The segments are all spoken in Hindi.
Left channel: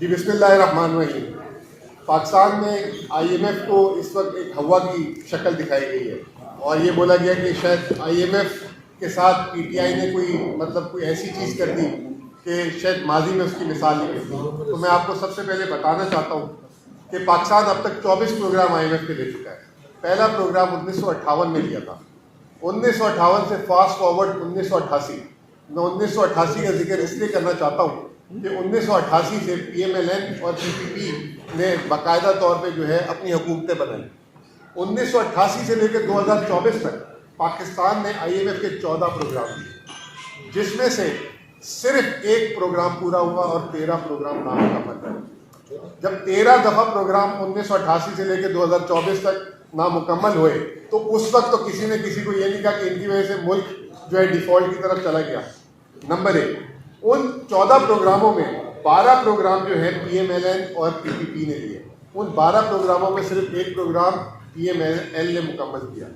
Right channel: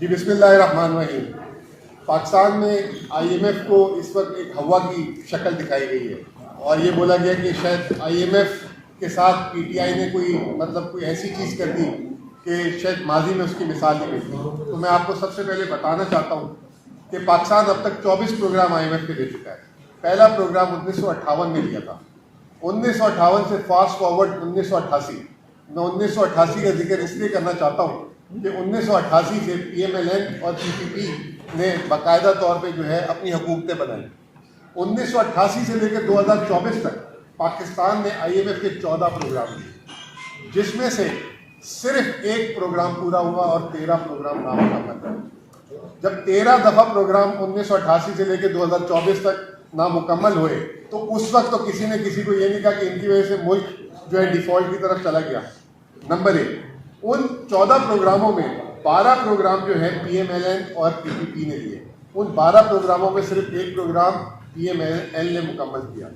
जी बिस्मिल्लाहिर्रहमानिर्रहीम। पाकिस्तान में आईएमएफ को इस वक्त एक हवा की शक्ल दिखाई गई है और ये बोला गया कि शायद आईएमएफ के साथ पीटीआई ने कोई ऐसी चीज़ कर दी कि शायद माजी में उसकी मिसाल नहीं मिलती। तो मैं आपको सबसे पहले बताना चाहता हूँ कि पाकिस्तान अब तक 24 प्रोग्राम आईएमएफ के दे चुका है। पहला प्रोग्राम 1958 में दिया था। 1958 से फास्ट फॉरवर्ड 1988। मैं 1988 का जिक्र इसलिए करना चाहता हूँ कि 1988 से पीएमएलएन और पीपीपी ने बाकायदा तौर पे जो है अपनी हुकूमतें बनाई। 1988 से लेकर 2024 तक पाकिस्तान ने आईएमएफ के 14 प्रोग्राम दिए, जिसमें से सिर्फ एक प्रोग्राम पूरा हुआ और 13 प्रोग्राम नामुकम्मल रहे। जब 13 दफ़ा प्रोग्राम 1988 से लेकर 2024 तक नामुकम्मल हुए तो उस वक्त तो किसी ने किसी को ये नहीं कहा कि इनकी वजह से मुल्क जो है डिफ़ॉल्ट की तरफ चला गया। नंबर एक, उन 14 प्रोग्रामों में 12 प्रोग्राम जो है पीएमएलएन और पीपीपी ने दिए। उन 12 प्रोग्रामों में सिर्फ एक प्रोग्राम पीएमएलएन ने मुकम्मल किया।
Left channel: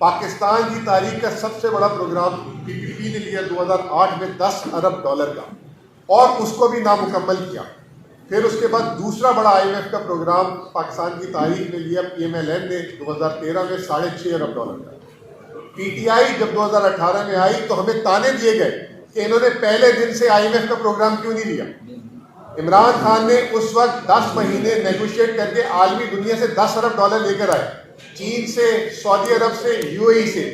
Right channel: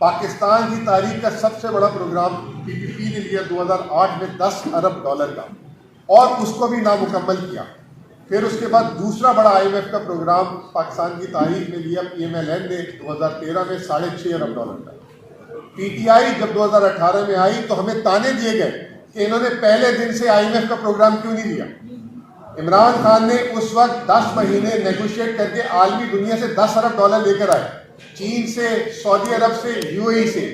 पाकिस्तान की तारीख का सबसे बड़ा प्रोग्राम पीपीपी ने लिया 2008 में $10 अरब का और उसको भी नामुकम्मल किया। फिर उसके बाद दूसरा बड़ा आईएमएफ का प्रोग्राम पाकिस्तान की तारीख में लिया पीएमएलएन ने 2013 में $6.5 अरब का। पीटीआई जब 2018 में आई तो हमें ताने दिए गए कि इन्होंने पहले दिन से आईएमएफ का प्रोग्राम क्यों नहीं लिया। इमरान खान ने उस वक्त 10 महीने नेगोशिएट करके आलमी दुनिया से $10 अरब लेकर आए, चीन से, सऊदी अरब से, यूएई से।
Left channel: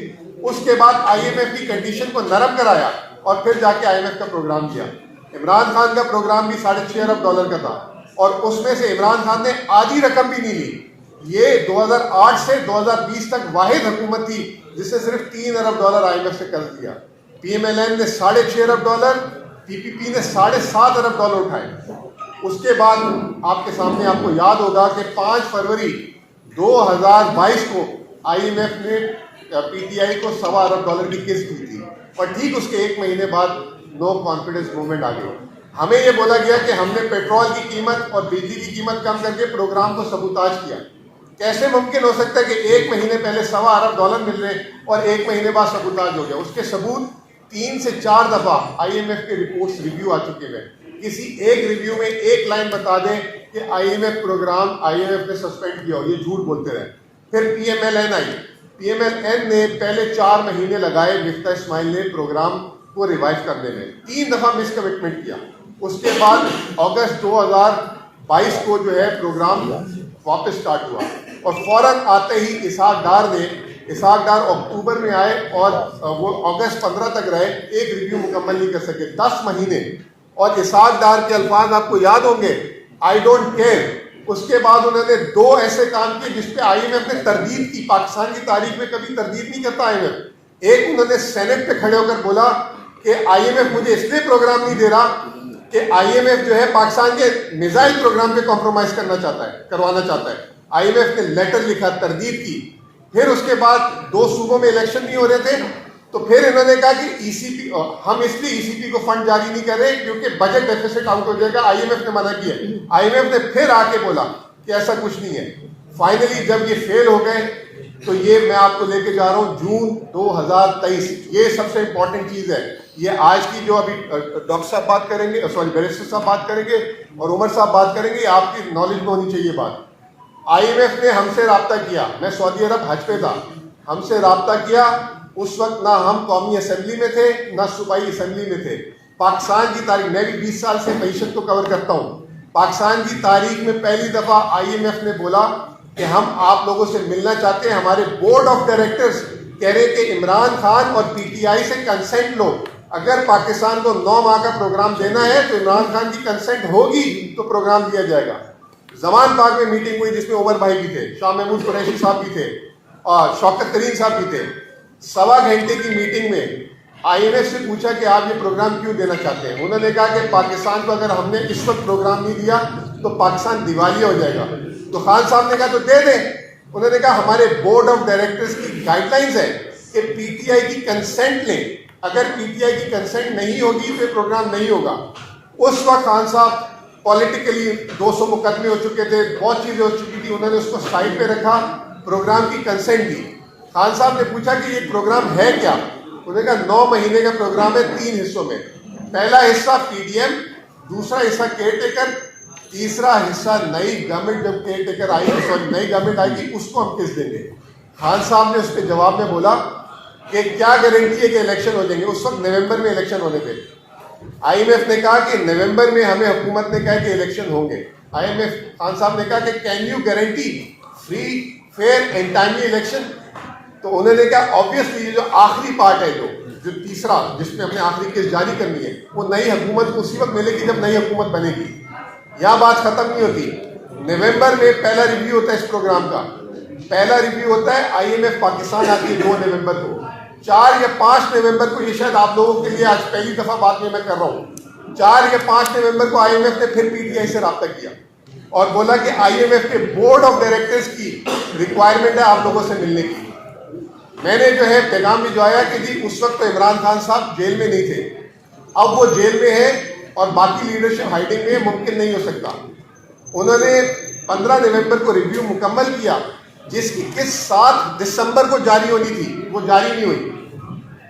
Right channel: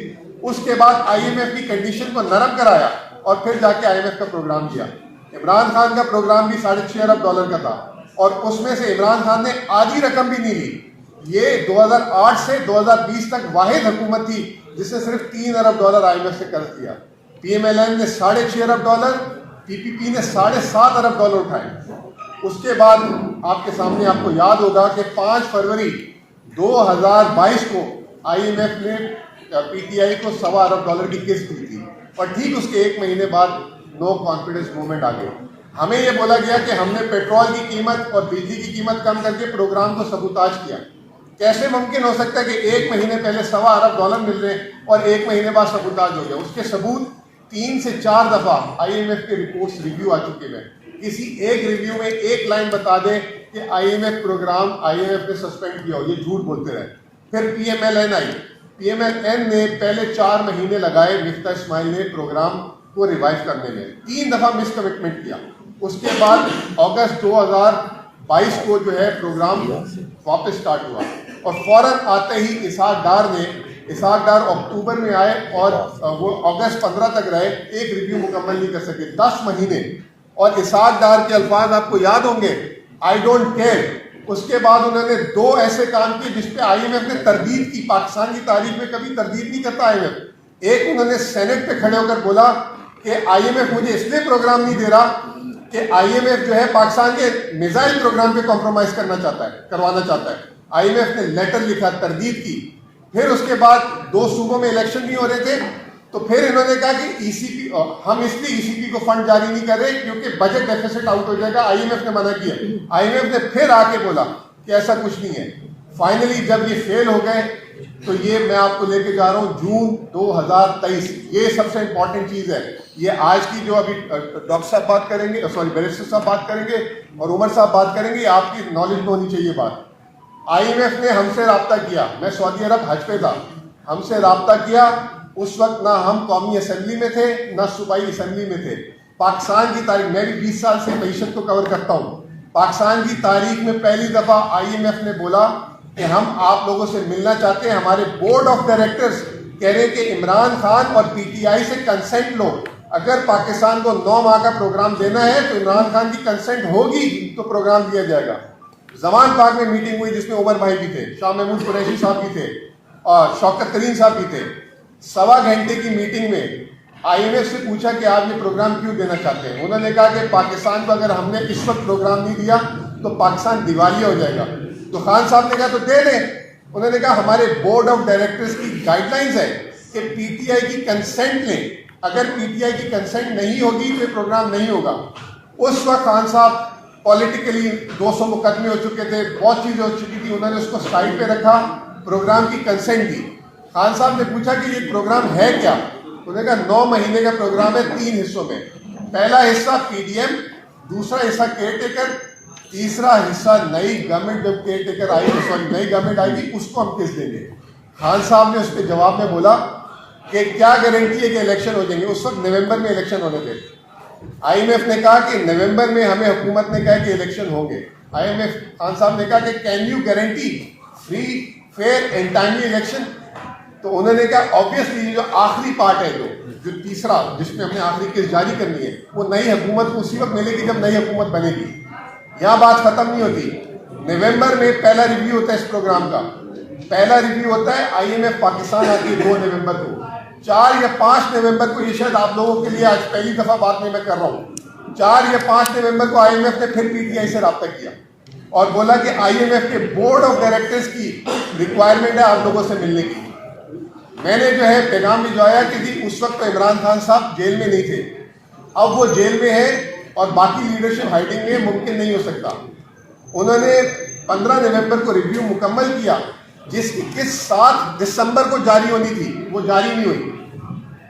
उसके बाद आईएमएफ की कंडीशन को नरम कराया और फिर जाके आईएमएफ का प्रोग्राम किया। इमरान खान का प्रोग्राम भी $6.5 अरब का था और उसमें से इमरान खान ने आधी रकम भी नहीं ली। ये 2008 से 2020 तक वाहिद हुकूमत थी जिसने सिर्फ $3 अरब आईएमएफ से कर्ज दिया। पीएमएलएन ने $6.5 अरब, पीपीपी ने $7.5 अरब उठाए। उसके बाद आपके सामने आपको याद होगा कि 5 फरवरी 2022 को आईएमएफ ने पीटीआई को $1.25 अरब की किस्त दी थी और ठीक उसके एक महीने बाद नो कॉन्फिडेंस मूवमेंट आ गई। हमें यह बोला गया कि हमने पेट्रोल की कीमत और बिजली की कीमत कम करके प्रोग्राम को सबूताज किया। कैसे मुमकिन हो सकता है कि एक महीने पहले $1.25 अरब मिल रहे और एक महीने बाद सबूताज हो गया। उसके सबूत 3 से 4 दफ़ा आईएमएफ के रिपोर्ट्स रिव्यू आ चुके हैं। किसी एक रिव्यू में एक लाइन बता दें कि आईएमएफ प्रोग्राम आईएमएफ ने सस्पेंड किया हो, ये झूठ बोलते रहे। फिर पीएमएलएन आई। पीएमएलएन ने पहले 4 महीने लगाए मिफ्ता इस्माइल ने प्रोग्राम को रिवाइव करने में, 3 दफ़ा मिस कमिटमेंट किया। उसके बाद अगस्त 2022 को जो है प्रोग्राम वापस स्टार्ट हुआ और फौरन आते ही इसहाक डार अक्टूबर में आए और वो अगस्त 15 तक रहे, एक रिव्यू मुकम्मल नहीं कर सके, 10 महीने। और इसहाक डार के अल्फाज आपको याद होंगे, आई डोंट केयर। उसके बाद उन्होंने 2 ऐसे काम किए जिस पे आईएमएफ ने तरदीद की। पाकिस्तान की तारीख में कभी तरदीद नहीं करता आईएमएफ। एक, उन्होंने सेनेट पे खड़े होकर बोला कि आईएमएफ मुझे इसलिए प्रोग्राम नहीं दे रहा कि आईएमएफ जो है पाकिस्तान के मिसाइल प्रोग्राम पे कॉम्प्रोमाइज करवाना चाहता है। आईएमएफ ने लेटर लिखा, तरदीद की। फिर उसके बाद 2 सूबों में इलेक्शन नहीं हो रहे थे तो फिर इन्होंने कहा कि ईसीपी, हम इसलिए ईसीपी को फंड जारी नहीं कर रहे क्योंकि बजट डेफिसिट आउट हो जाएगा। आईएमएफ ने मना किया। आईएमएफ ने फिर आके बोला कि ऐसा कुछ नहीं है। फाइनली जब ये फेल हो गए तो ये मैं आपको लेके जा रहा हूँ जून 2023। ये सबसे इंपॉर्टेंट चीज़ है। ये आज की जो अभी डॉक्टर साहब बात करेंगे, बैरिस्टर साहब बात करेंगे और उमर साहब बात करेंगे, आपकी नॉलेज में होनी चाहिए बात। आईएमएफ ने हमसे रब्ता किया, मैं सऊदी अरब हज पे था, हमसे रब्ता किया। उस वक्त ना हम कौमी असम्बली में थे ना सूबाई असम्बली में थे। पाकिस्तान की तारीख, मैं भी 20 साल से मीशत को कवर करता हूँ। पाकिस्तान की तारीख में पहली दफ़ा आईएमएफ ने बोला कि हम आप लोगों से मिलना चाहते हैं। हमारे बोर्ड ऑफ डायरेक्टर्स कह रहे कि इमरान खान और पीटीआई से कंसेंट लो। अगर पाकिस्तान को 9 माह का प्रोग्राम देना है तो इमरान खान की कंसेंट होगी तो प्रोग्राम दिया जाएगा। जमान पार्क में मीटिंग हुई जिसमें उमर भाई भी थे, शाह महमूद कुरैशी साहब भी थे और शौकत तरीन साहब भी थे। 1.25 घंटे की मीटिंग में आईएमएफ से पूछा कि आप ये प्रोग्राम क्यों देना चाहते हैं। उन्होंने कहा कि पाकिस्तान को अगर हमने इस वक्त प्रोग्राम नहीं दिया तो पाकिस्तान दिवालिया हो जाएगा। तो खान साहब ने कहा तो दे दें। उन्होंने कहा हमारे बोर्ड ऑफ डायरेक्टर्स की गाइडलाइंस है कि पीटीआई की कंसेंट लें। अगर पीटीआई की कंसेंट नहीं होगी तो ये प्रोग्राम नहीं होगा। उस वक्त खान साहब पॉलिटिकली 200 मुकदमे हो चुके थे, बहुत चीज़ें हो चुकी थी। उन्होंने उसको साइड पे रखा, प्रोग्राम की कंसेंट दी। खान साहब ने पूछा कि ये प्रोग्राम है क्या। उन्होंने कहा 9 महीने का प्रोग्राम है 3 हिस्सों में। पहला हिस्सा पीडीएम, दूसरा हिस्सा केयर टेकर, तीसरा हिस्सा नई गवर्नमेंट जब केयर टेकर आएगी, सॉरी नई गवर्नमेंट आएगी, उसको हम किस देंगे। खान साहब ने उसके जवाब में बोला कि क्या गारंटी है कि इलेक्शन हो जाएंगे। उस वक्त नवंबर में इलेक्शन होने थे। IMF ने कहा कि नवंबर में हमें हुकूमत ने कहा कि इलेक्शन होंगे। IMF खान साहब ने कहा कि can you guarantee free fair and timely election. तो उन्होंने कहा ऑब्वियसली जो आखिरी पार्ट है, जो तीसरा जिसमें हमने आखिरी केस जारी करनी है, वो नई हुकूमत को उसी वक्त मिलेगी जब नई हुकूमत बनेगी। यहाँ बात खत्म नहीं होती। नवंबर में पहला रिव्यू होता है इस प्रोग्राम का। पहला रिव्यू होता है IMF पाकिस्तान आती है 2 नवंबर को। 4 या 5 नवंबर को, ये शायद आप लोगों के लिए आज पहली दफा बात नहीं मैं कर रहा हूँ, 4 या 5 नवंबर को IMF ने फिर PTI से रब्ता किया और बोला कि IMF के बोर्ड ऑफ डायरेक्टर्स की रिक्वायरमेंट है आप लोगों से मिलने की। मैंने जो है पैगाम भिजवाया कि जी उस वक्त तो इमरान खान साहब जेल में नहीं थे, अब वो जेल में है और बाकी लीडरशिप हाइडिंग में, मुमकिन नहीं हो सकता। उन्होंने 15 नवंबर को रिव्यू मुकम्मल किया, जिसकी किस 7 दिसंबर को जारी होनी थी, वो जारी नहीं हुई।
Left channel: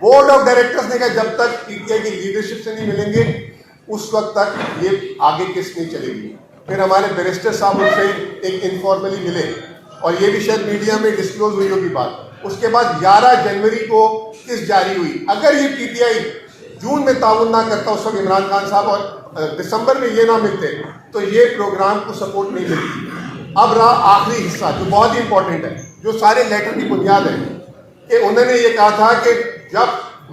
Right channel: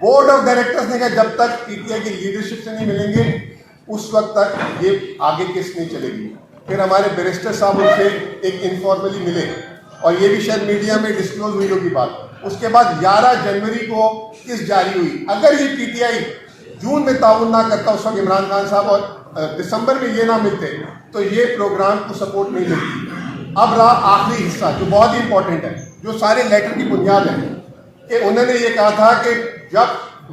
बोर्ड ऑफ डायरेक्टर्स ने कहा जब तक PTI की लीडरशिप से नहीं मिलेंगे उस वक्त तक ये आगे किस नहीं चलेगी। फिर हमारे बैरिस्टर साहब उनसे एक इनफॉर्मली मिले और ये भी शायद मीडिया में डिस्क्लोज हुई होगी बात। उसके बाद 11 जनवरी को किस जारी हुई। अगर ये PTI जून में ताउन ना करता उस वक्त इमरान खान साहब और दिसंबर में ये ना मिलते तो ये प्रोग्राम को सपोर्ट नहीं मिलती। अब रहा आखिरी हिस्सा जो बहुत ही इंपॉर्टेंट है, जो सारे लेटर की बुनियाद है, कि उन्होंने ये कहा था कि जब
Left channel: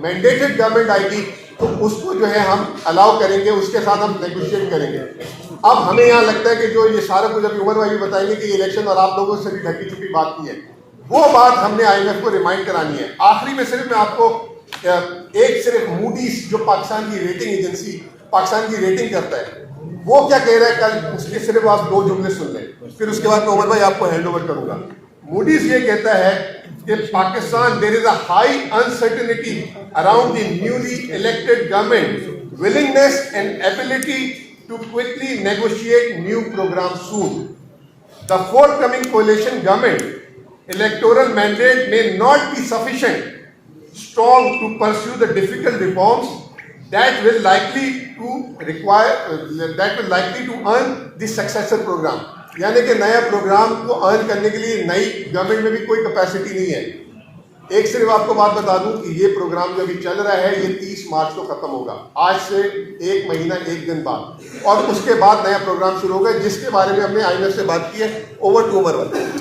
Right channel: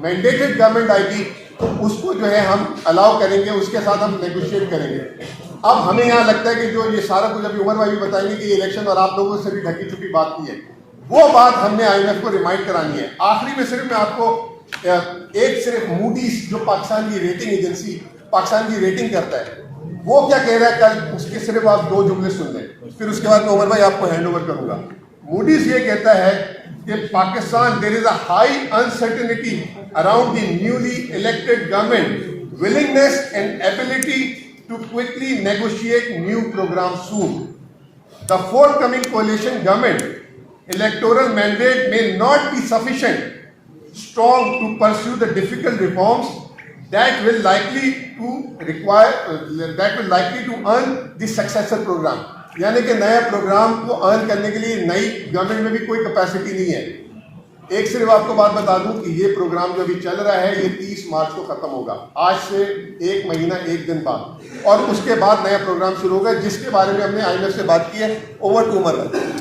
मैंडेटेड गवर्नमेंट आएगी तो उसको जो है हम अलाउ करेंगे, उसके साथ हम नेगोशिएट करेंगे। अब हमें यहाँ लगता है कि जो ये सारा कुछ अभी उमर भाई बताएंगे कि इलेक्शन और आप लोगों से भी ढकी छुपी बात की है, वो बात हमने IMF को रिमाइंड करानी है। आखिरी में सिर्फ मैं आपको सिर्फ मूडीज जो पाकिस्तान की रेटिंग एजेंसी पाकिस्तान की रेटिंग करता है, वो क्या कह रहा है कल, उसके सिर्फ आप 2 जुमले सुन लें, फिर उसके बाद मैं उमर भाई आपको हैंड ओवर करूंगा। मूडीज ये कहता है कि Pakistan there is a high uncertainty around the newly elected government willingness and ability to quickly negotiate new program soon. The forthcoming coalition government electoral mandate may not be sufficient strong to pursue the difficult reforms that will likely to earn the successor program। यानी कि नया प्रोग्राम को अर्न करने के लिए नई गवर्नमेंट में भी कोई कैपेसिटी नहीं है। एक सिर्फ आपको बात बता दूं कि ये प्रोग्राम जो अभी चल रहा है ये 30 मार्च को खत्म होगा, आज से 1 महीना 1 दिन बाद, और उसके बाद नया प्रोग्राम शुरू होगा जिसके बारे में हमने IMF से बात की है। ओवर टू उमर भाई।